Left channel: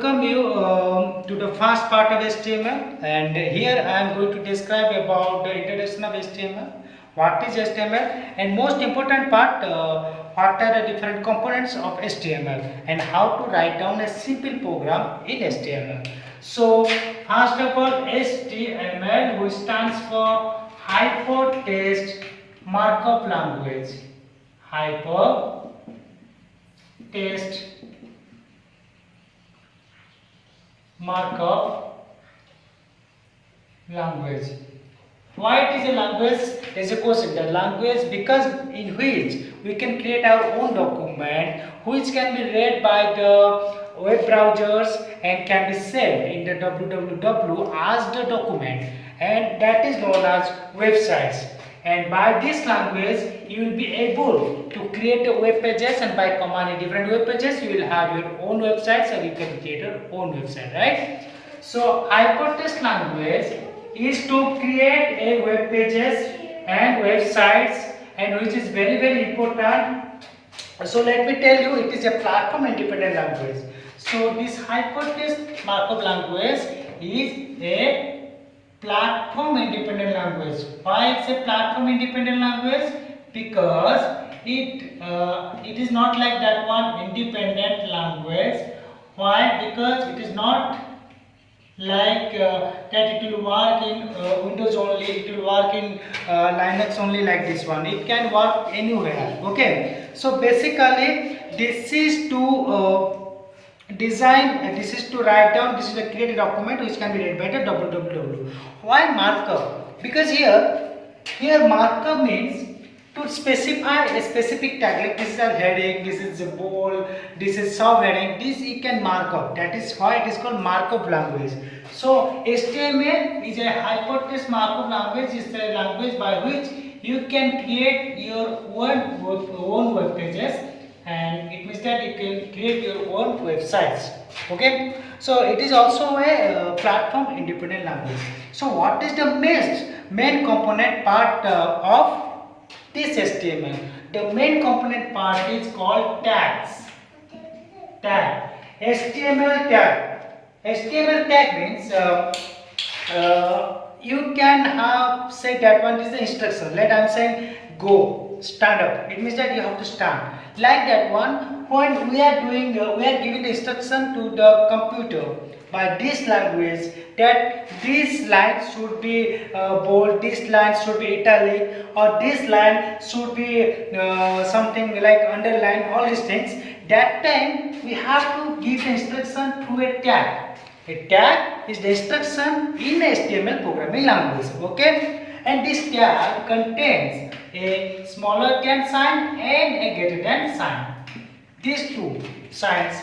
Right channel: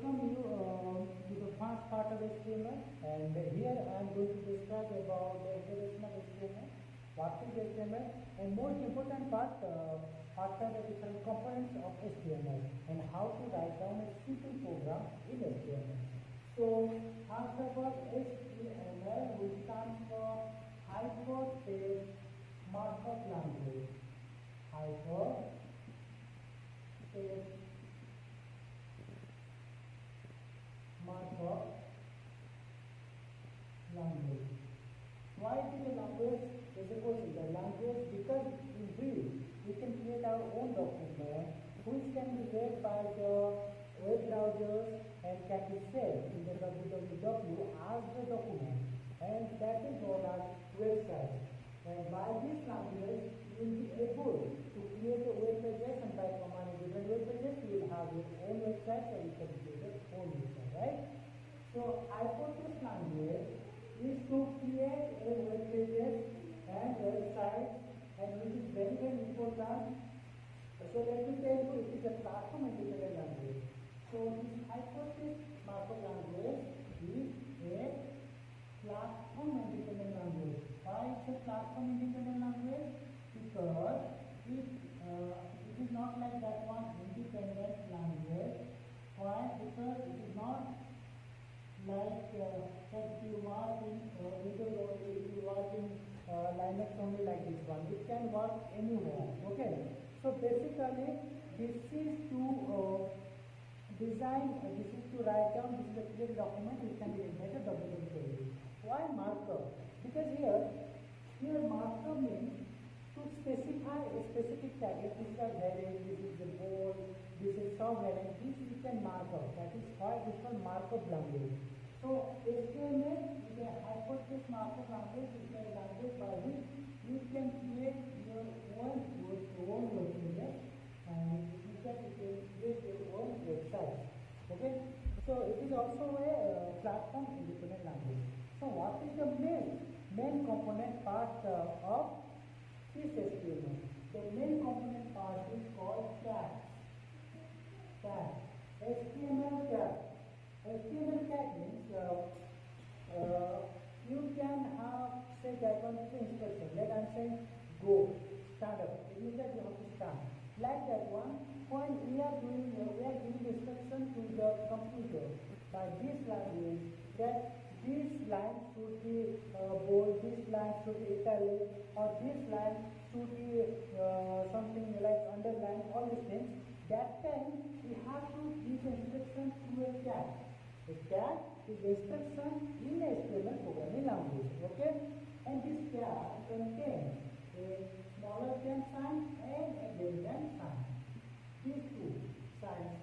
welcome you to the first part of HTML, and here I am going to describe about the introduction of HTML, what is HTML, and most important part, what are the different components of HTML and how to write down a simple program in HTML. So first of all, HTML, which stands for Hypertext Markup Language. Hypertext Markup language. Why it is a language? Is a question. The language because in which we can create our own document which can be read by the web browsers and can be saved in the www as the document, and that is known as websites. And by this language you will be able to create a web pages, and by commanding different web pages you will have your own websites and you can create your own website, right? So hypertext language is to create a web pages and websites, and which is very important. So let me tell you, it is a platform independent language. So this hypertext markup language is a platform independent language. Why it's a platform independent language? Because it is not like that one independent language. Why? Because it is not like that it will work in Windows only, it will work in Linux only, like this one. It can work anywhere. Okay. So basically this is to design, this is to write down, this is a created document which can be read by the www. Why markup? Because here markup means to specify a specific tag, like this is a heading, this is a bold, this is subheading, this you can mark up. That is why it is called markup language. So HTML is a hypertext markup language. Is a language by which you can create your own web pages, and it means that you can create your own websites. Okay, so it is also a platform independent language. So what is the main component part of this HTML? The main component part is called tags. HTML tag. HTML tag means you can have say that one is the instruction. Let I am saying go, stand up. It means that you have to stand. Like that one, when we are doing, we are giving the instruction to the computer by this language that this line should be bold, this line should be italic, or this line should be something like underline, all these things. That time we have to give the instruction through a tag. A tag is the instruction in HTML programming language. Okay, and this tag contains a smaller than sign and a greater than sign. These two signs,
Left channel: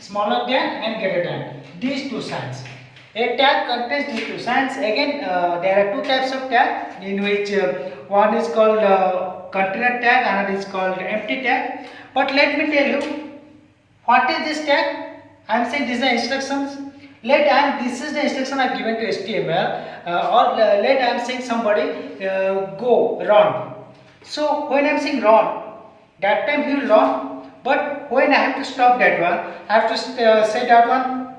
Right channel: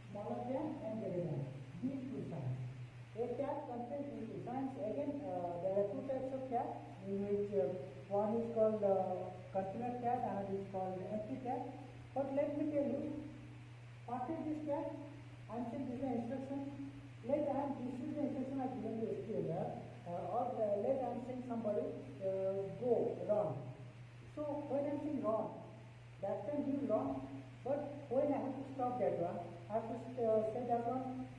smaller than and greater than, these two signs. A tag contains these two signs. Again, there are two types of tag, in which one is called container tag, another is called empty tag. But let me tell you, what is this tag? I am saying these are instructions. This is the instruction I have given to HTML, or let I am saying somebody go, run. So when I am saying run, that time he will run. But when I have to stop that one, I have to say that one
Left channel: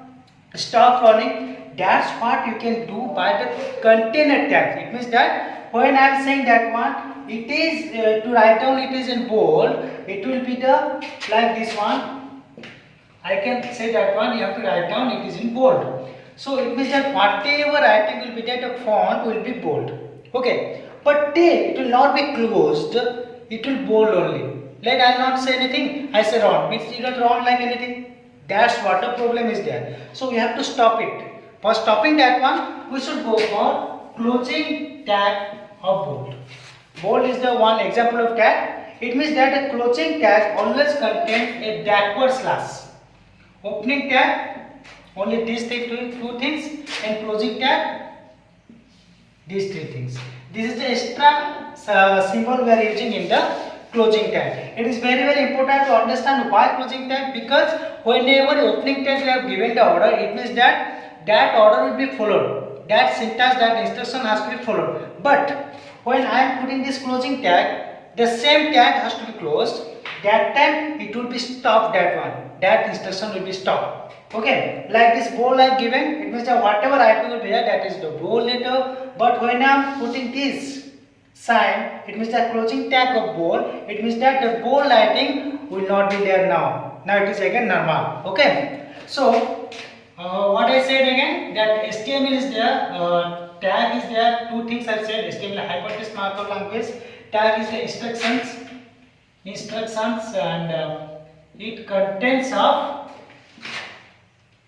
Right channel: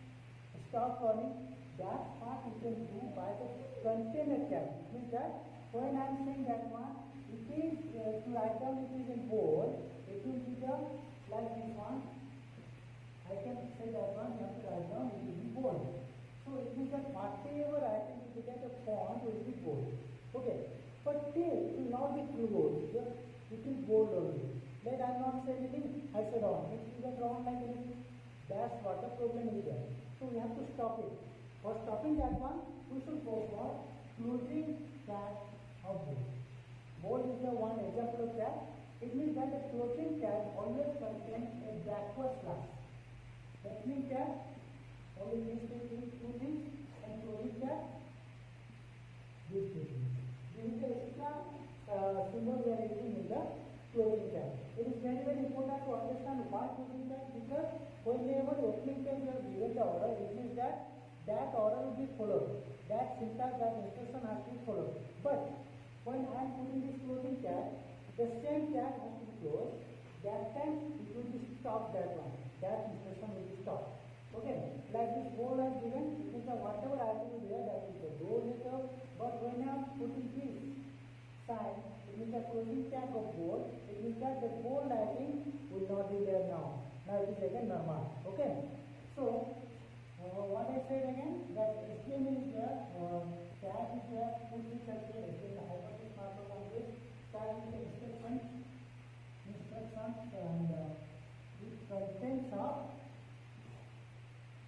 stop running. That's what you can do by the container tag. It means that when I am saying that one, it is to write down, it is in bold. It will be the like this one. I can say that one, you have to write down, it is in bold. So it means that whatever writing will be there, the font will be bold. Okay, but then it will not be closed, it will bold only. Let I not say anything, I say wrong, means you don't wrong like anything. That's what the problem is there. So we have to stop it. For stopping that one, we should go for closing tag of bold. Bold is the one example of tag. It means that a closing tag always contains a backward slash. Opening tag, only these two things, and closing tag, these three things. This is the extra symbol we are using in the closing tag. It is very important to understand why closing tag, because whenever opening tag we have given the order, it means that order will be followed. That syntax, that instruction has to be followed. But when I am putting this closing tag, the same tag has to be closed. That time it will be stopped, that one. That instruction will be stopped. Okay, like this bold I have given, it means that whatever I do there, that is the bold letter. But when I am putting this sign, it means the closing tag of bold. It means that the bold lighting will not be there now. Now it is again normal. Okay. So what I said again, that HTML is there, tag is there. Two things I said. HTML hypertext markup language. Tag is the instructions, and it contains of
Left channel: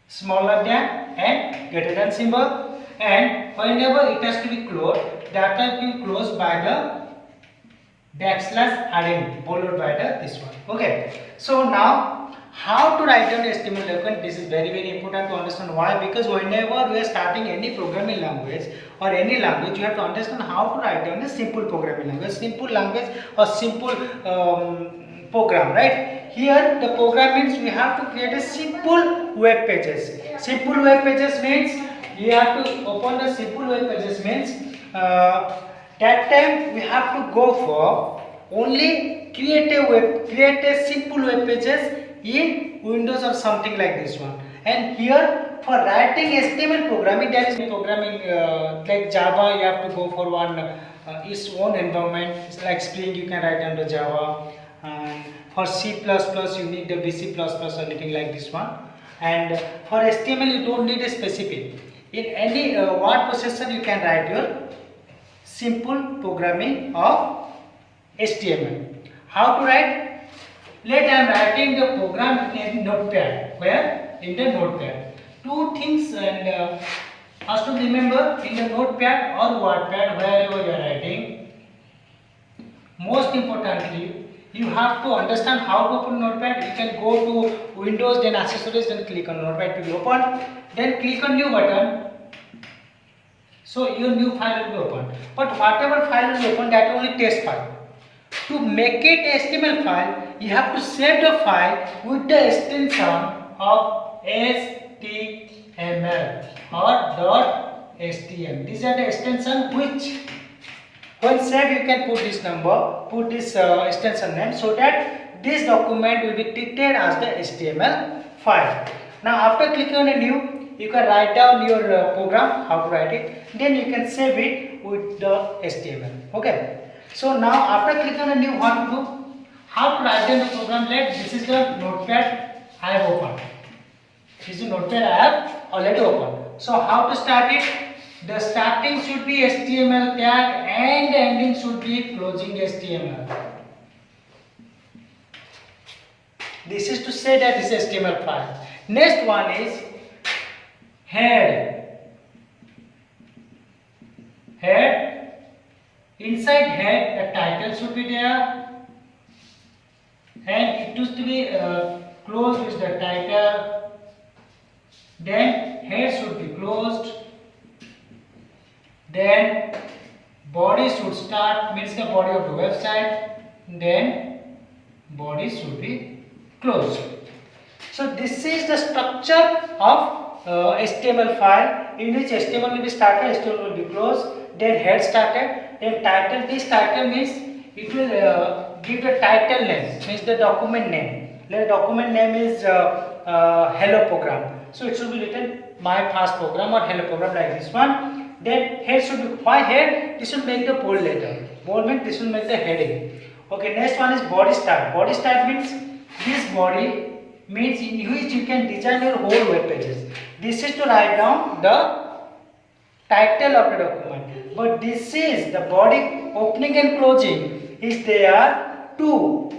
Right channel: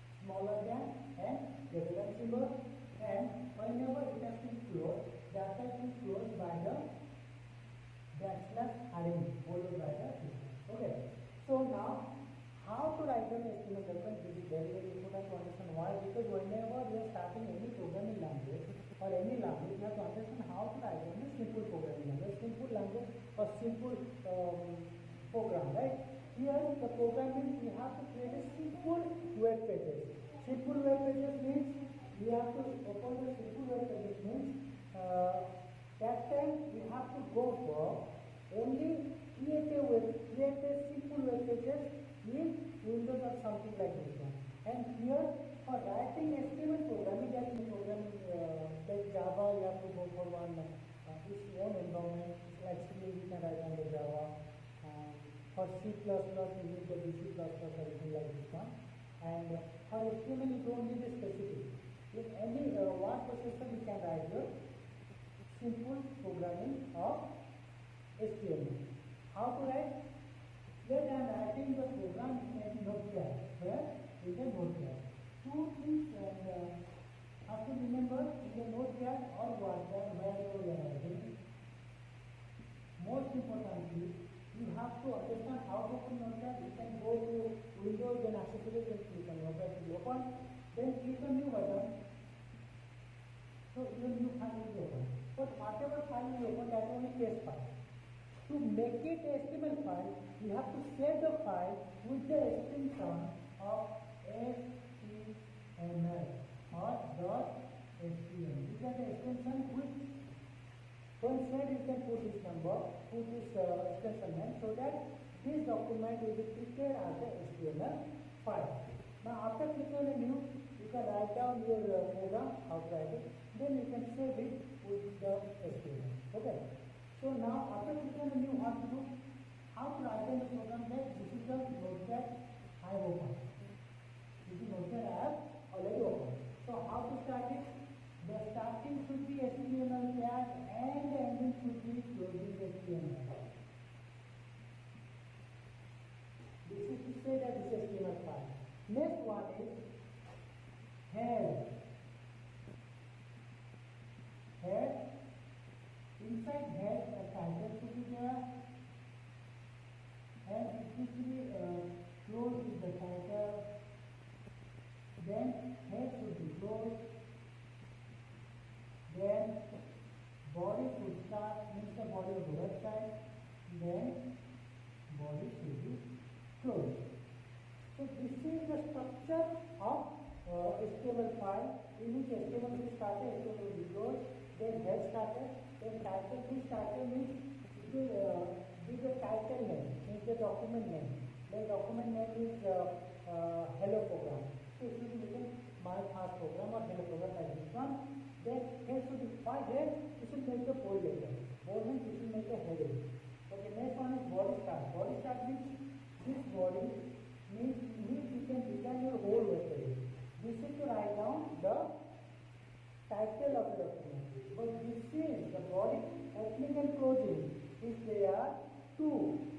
smaller than and greater than symbol, and whenever it has to be closed, that has to be closed by the \rn followed by this one. Okay, so now how to write down the HTML document? This is very important to understand. Why? Because whenever we are starting any programming language or any language, you have to understand how to write down a simple programming language or simple program, right? Here the program means we have to create a simple web pages. Simple web pages means we have to open the simple web pages means that time we have to go for only create a simple web pages in Windows or something like this one. And here for writing HTML programming, there is programming like Java, you have to go for one its own environment. It's like Spring, you can write under Java. And for C++, you need the VC++ or anything like this one. And for HTML, you don't need a specific. In any word processor, you can write your simple programming of HTML. How to write? Let I am writing the program in Notepad. Where? In the Notepad. Two things, and first to remember, in the Notepad or WordPad, wherever you are writing, most importantly, you have to understand how to open Notepad. You can go to Windows, then Accessories, then click on Notepad to be open. Then click on New button. So your new file will be opened. But whatever file will be opened, that is only test file. To make it HTML file, you have to save the file with the extension of HTML or .html. These are the extension which when save you can put this number, put this extension name, so that this document will be treated as the HTML file. Now after clicking on a new, you can write down your program, how to write it, then you can save it with the HTML. Okay. So now after clicking on a new, what to do? How to write down the program? This is the Notepad I have opened. This is the Notepad I have already opened. So how to start it? The starting should be HTML tag and the ending should be closing HTML. This is to say that this is HTML file. Next one is head. Head. Inside head, the title should be there, and it used to be closed with the title. Then head should be closed. Then body should start, means the body of the website. Then body should be closed. So this is the structure of HTML file, in which HTML will be started, HTML will be closed, then head started, then title. This title means it will give the title name, means the document name. The document name is hello program. So it should be written my first program or hello program like this one. Then head should be, why head? This will make the bold letter. Bold means this will make the heading. Okay, next one is body style. Body style means this body means in which you can design your whole web pages. This is to write down the title of the document. But this is the body opening and closing is there to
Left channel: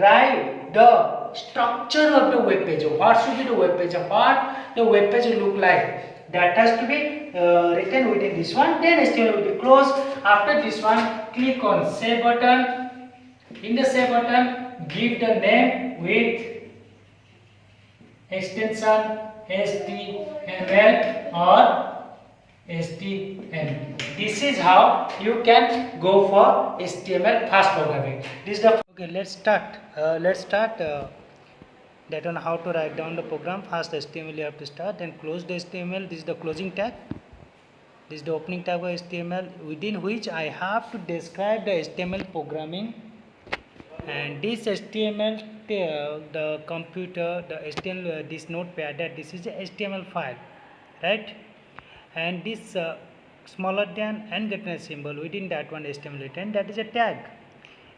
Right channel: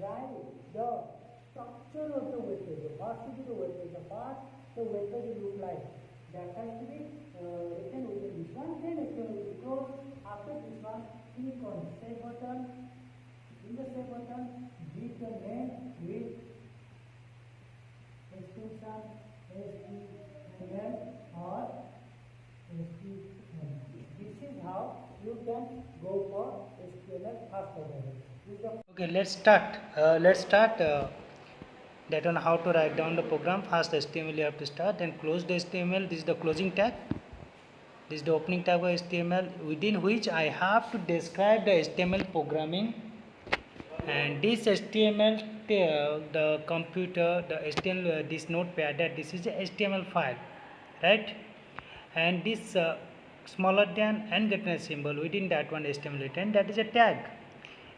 write the structure of the web page. What should be the web page? What the web page will look like? That has to be written within this one. Then HTML will be closed. After this one, click on save button. In the save button, give the name with extension HTML or HTML. This is how you can go for HTML fast programming. This is the okay. Let's start. That on how to write down the program. First HTML you have to start, then close the HTML. This is the closing tag. This is the opening tag of HTML, within which I have to describe the HTML programming. And this HTML the computer, the HTML, this notepad, that this is a HTML file, right? And this smaller than and greater symbol within that one HTML written, that is a tag.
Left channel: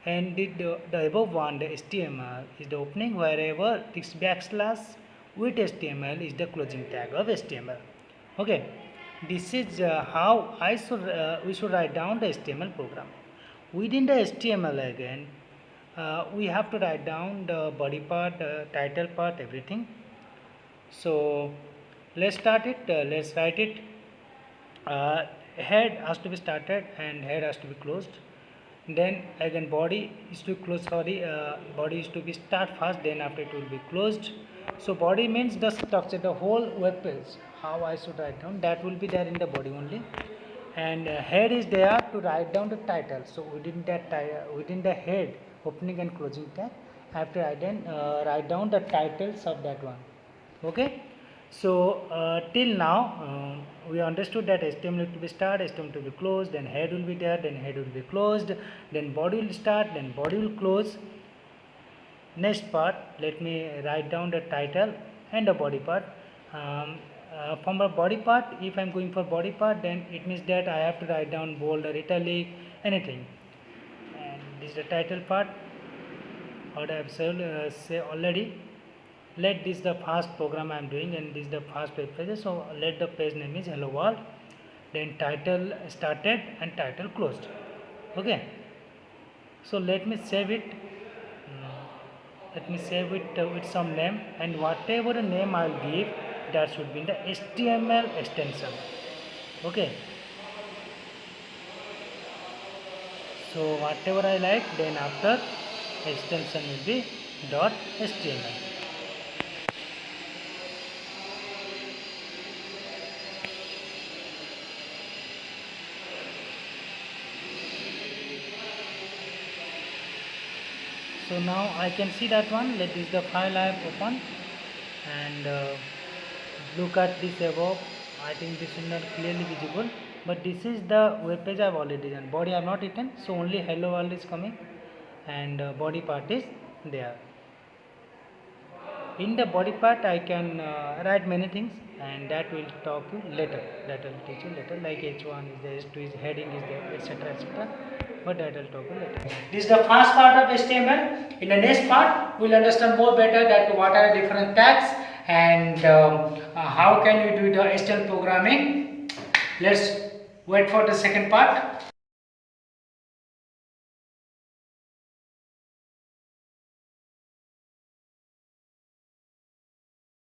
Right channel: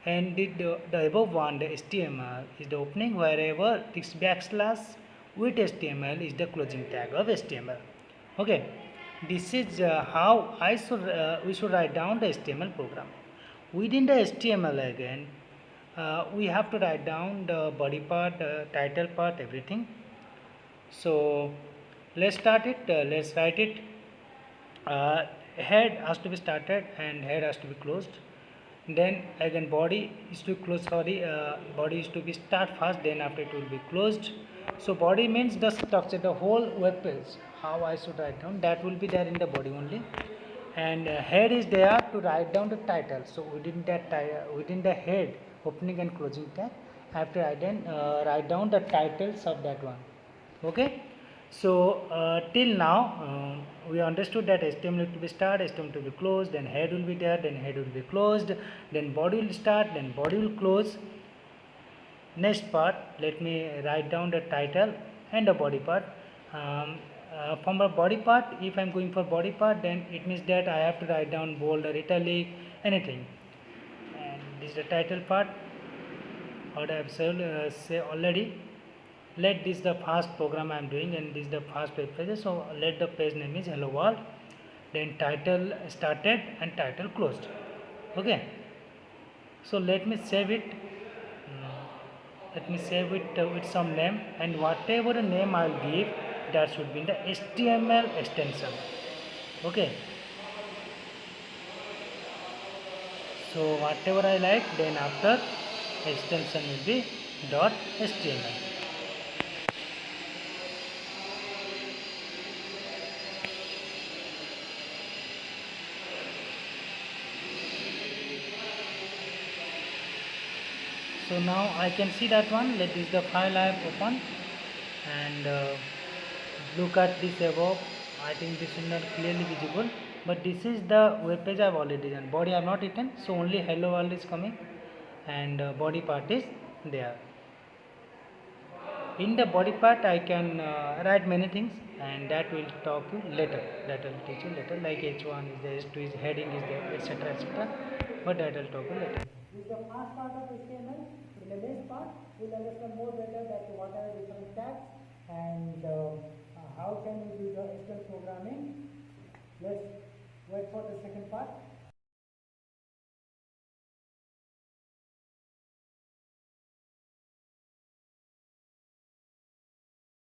And the above one, the HTML, is the opening, wherever this backslash with HTML is the closing tag of HTML. Okay, this is how we should write down the HTML program. Within the HTML again, we have to write down the body part, title part, everything. So let's start it. Let's write it. Head has to be started and head has to be closed. Then again body is to close. Body is to be start first. Then after it will be closed. So body means the structure, the whole web page. How I should write down, that will be there in the body only. And head is there to write down the title. So within the head, opening and closing tag, I have to write down the titles of that one. Okay. So till now we understood that HTML to be start, HTML to be closed, then head will be there, then head will be closed, then body will start, then body will close. Next part, let me write down the title and the body part. From the body part, if I am going for body part, then it means that I have to write down bold or italic, anything. And this is the title part. What I have said already. Let this the first program I am doing, and this is the first web page. So let the page name is hello world. Then title started and title closed. Okay. So let me save it. Let me save it with some name, and whatever the name I will give, that should be in the HTML extension. Okay. So whatever I like, then after extension will be .html. So now I can see that one. Let this the file I have opened, and look at this above. I think this is not clearly visible, but this is the web page I have already done. Body I have not written, so only hello world is coming, and body part is there. In the body part I can write many things, and that will talk you later. That will teach you later, like H1 is there, H2 is heading is there, etc., etc. But that will talk you later. This is the first part of HTML. In the next part, we will understand more better that what are the different tags and how can you do the HTML programming. Let's wait for the second part.